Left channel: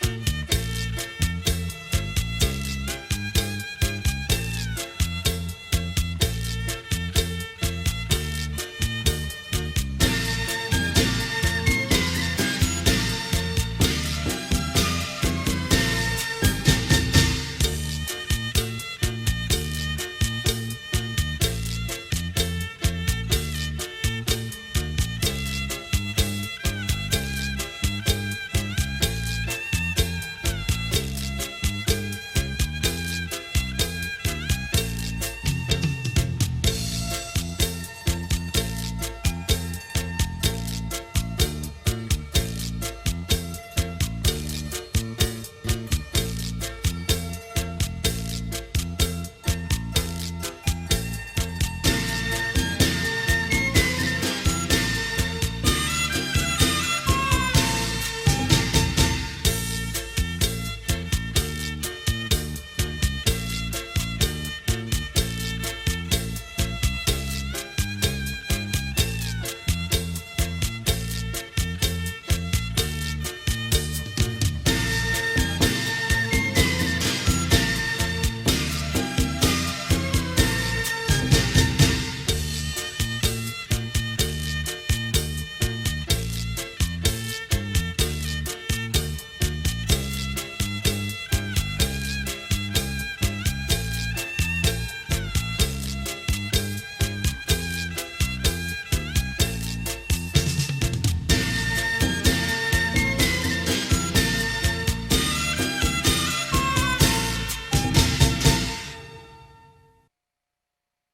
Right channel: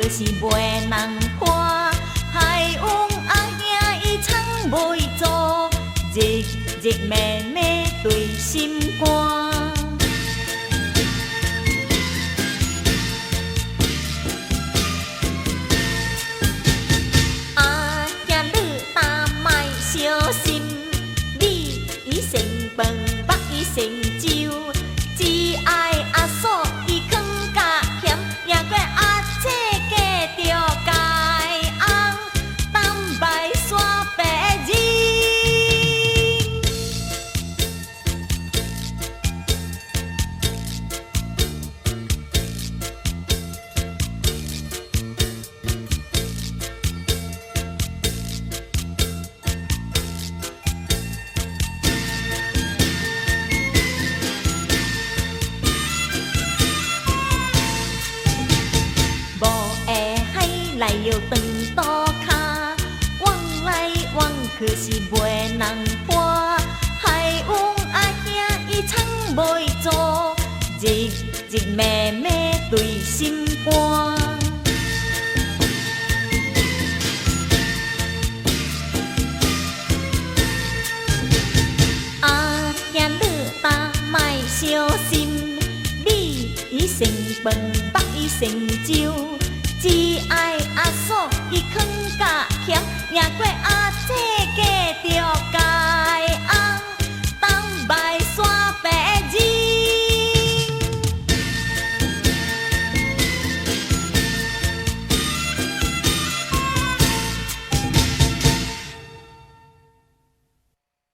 可是袂人看。海王阿兄伊藏袂住，日日暝暝对心肝。阿兄你但莫小心，你伊成饭，北伊成酒，只爱阿嫂伊囥甲咸，赢过阿姐嫁着介红，东摆山白日。无的海来又长渡脚，往来往去是袂人伴。海王阿兄伊藏袂住，日日暝暝对心肝。阿兄你但莫小心，你伊成饭，北伊成酒。